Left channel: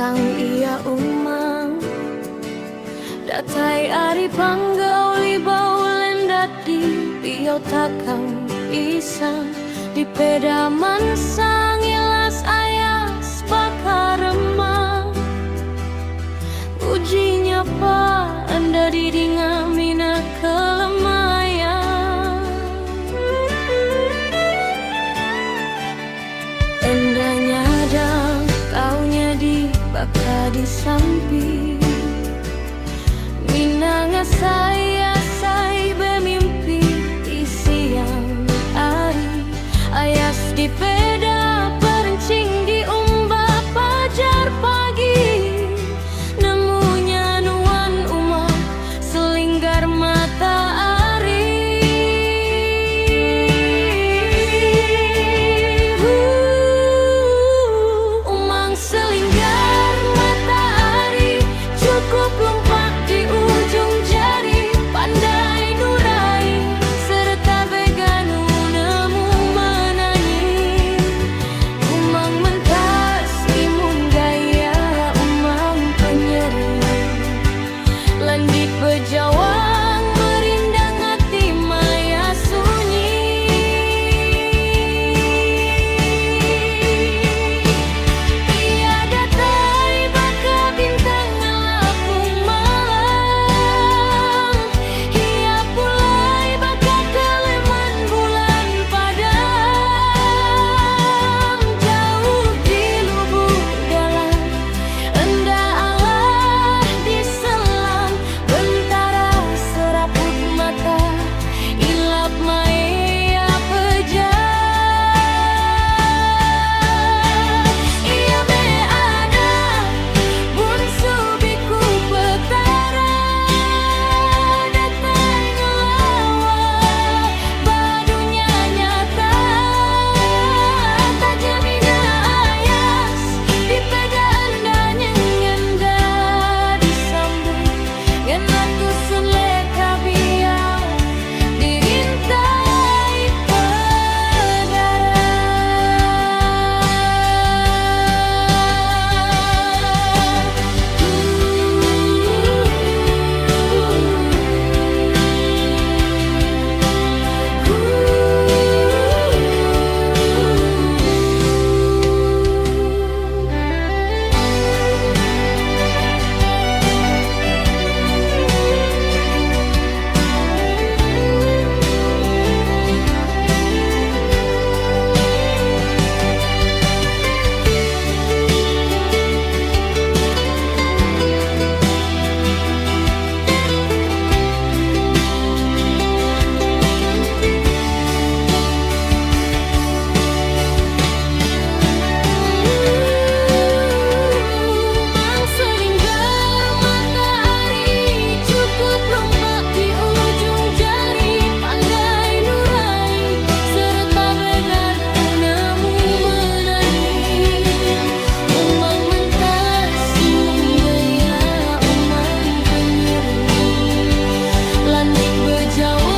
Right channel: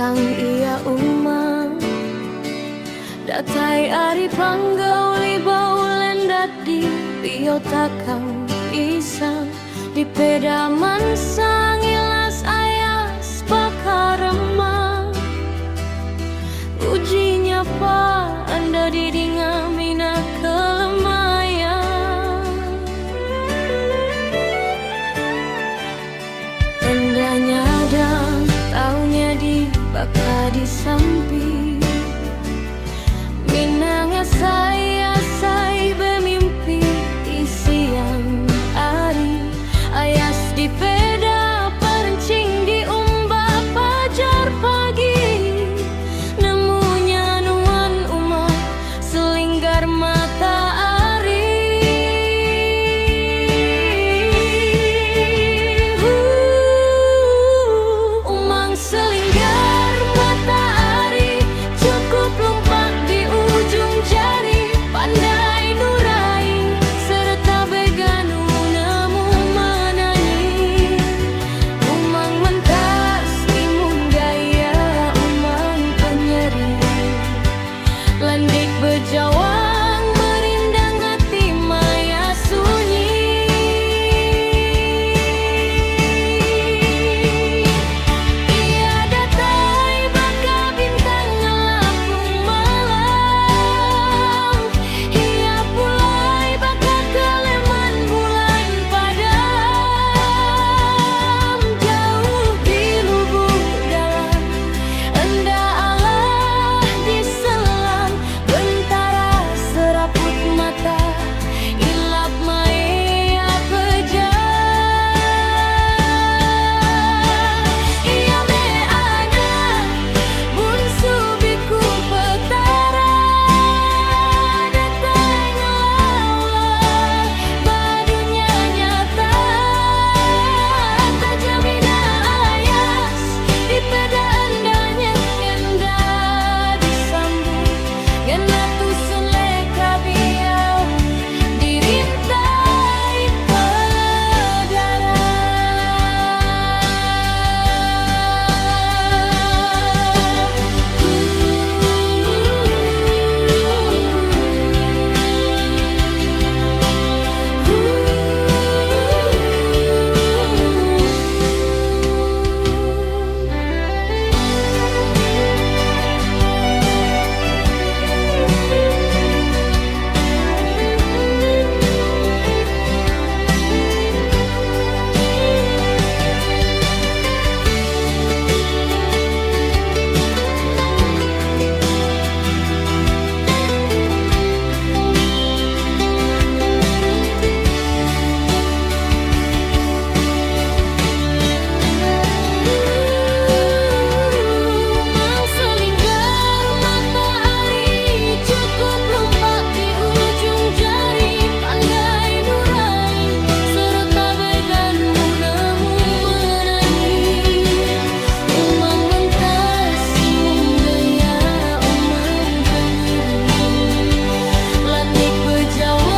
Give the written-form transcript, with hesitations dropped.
bintang ia umang datai ari panggauli baulen dadi bio takang isang di pedaman sang ilas ayas bakar remang ujinya pa anda didingamina kelemayan endanya dang taunya di baka di samping minanga saya bermimpi di siang hari ayas di peda perencing di umba pajar pagi nemunya nuan umat selinggar matahari umang selinggar matahari cukup lompat di ujung jari pandai nurai serta beganu nemu menanyi umang mentas imun gaya umang penyeri landik berjawang merindang hati maya sunyi ia datai baka bintang ngelapung malam ia pulai baka keleman bulan padam jauh di lubuk dalam enda Allah diselam bentara seraput mata ilap maya pejat ia me ada bunsu biku petara datai ngelawa badunya nyata tajamina ayas di peda endanya ngenda disambung ngena tusun leka biau dirintai pedara Mang selinggar matahari cukup lompat di ujung jari pandai nurai serta beganu nemu menani umang mentas imun gaya umang penyeri landik berjauh